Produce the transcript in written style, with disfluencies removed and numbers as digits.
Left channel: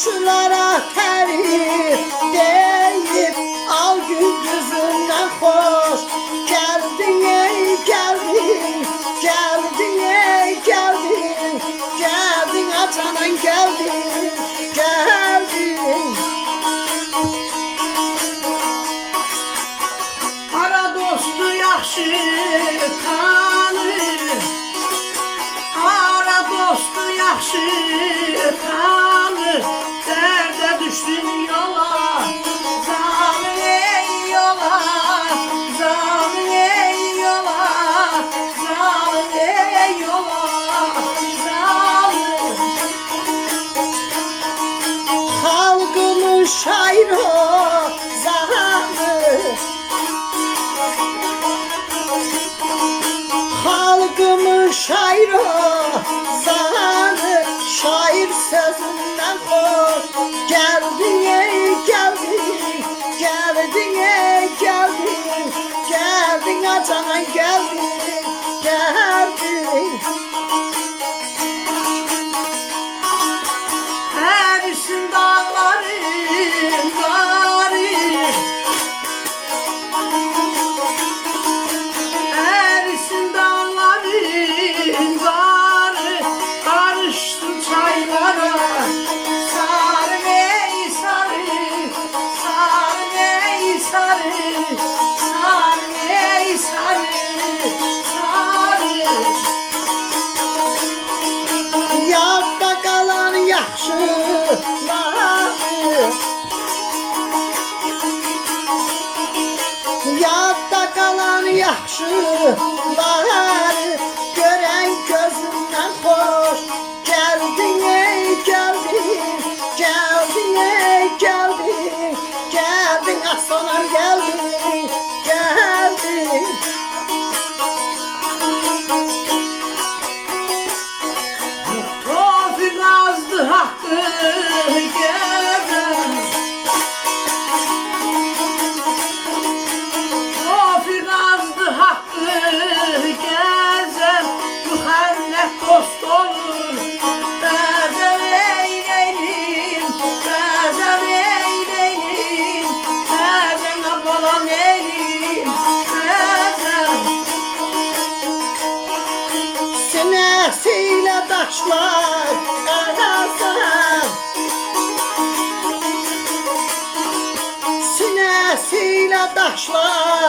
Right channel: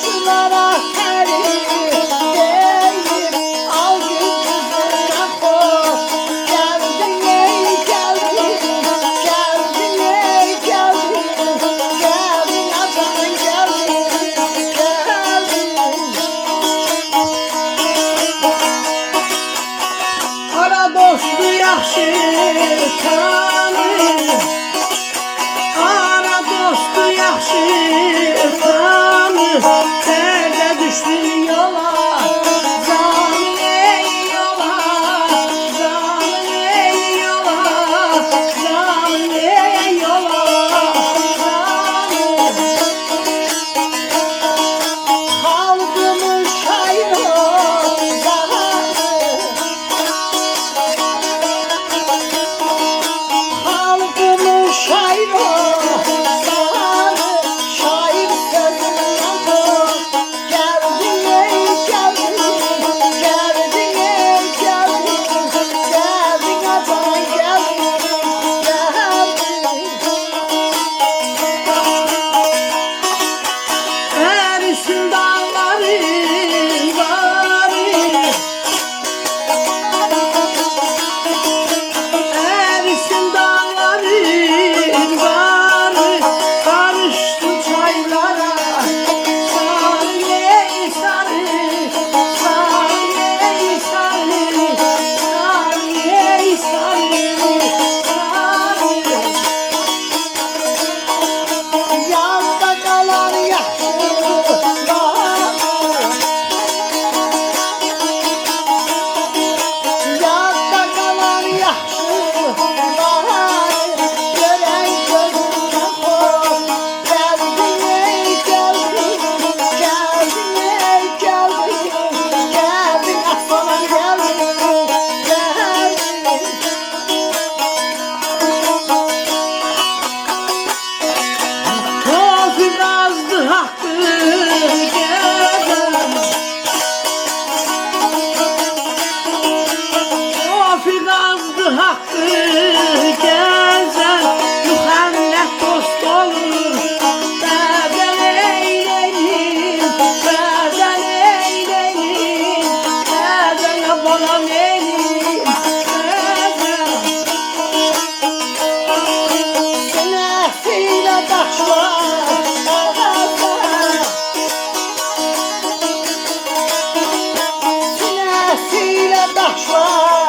Yaşlılara teri deyip al gözünden hoş. Geldin ey geldin, geldin ey geldin, geldin atanın geldin, geldin. Ara dostu yaxşı tanır, ara dostu yaxşı tanır. Derde düştün yola, canım ey yola, canım ey yola, canım ey yola, canım. Halkımın şairi zamanı, halkımın şairi zamanı, şair sözünden tut. Geldin ey geldin, geldin ey geldin, geldin atanan geldin, geldin. Erisin dağların varı, erisin dağların varı, karıştı çaylara. Sarı ey sarı, sarı ey sarı, sarı ey sarı, sarı. Yadda kalan yaxşıları, yadda kalan yaxşıları, gören gözünden hoş. Geldin ey geldin, geldin ey geldin, geldin aslanım geldin, geldin. Tofil azdı hakkı gezen, tofil azdı hakkı gezen, mühennet dost olur. Berden eyleyin, berden eyleyin, berden yabanan eyleyin, berden. Sinesiyle taşlar arasın, sinesiyle taşlar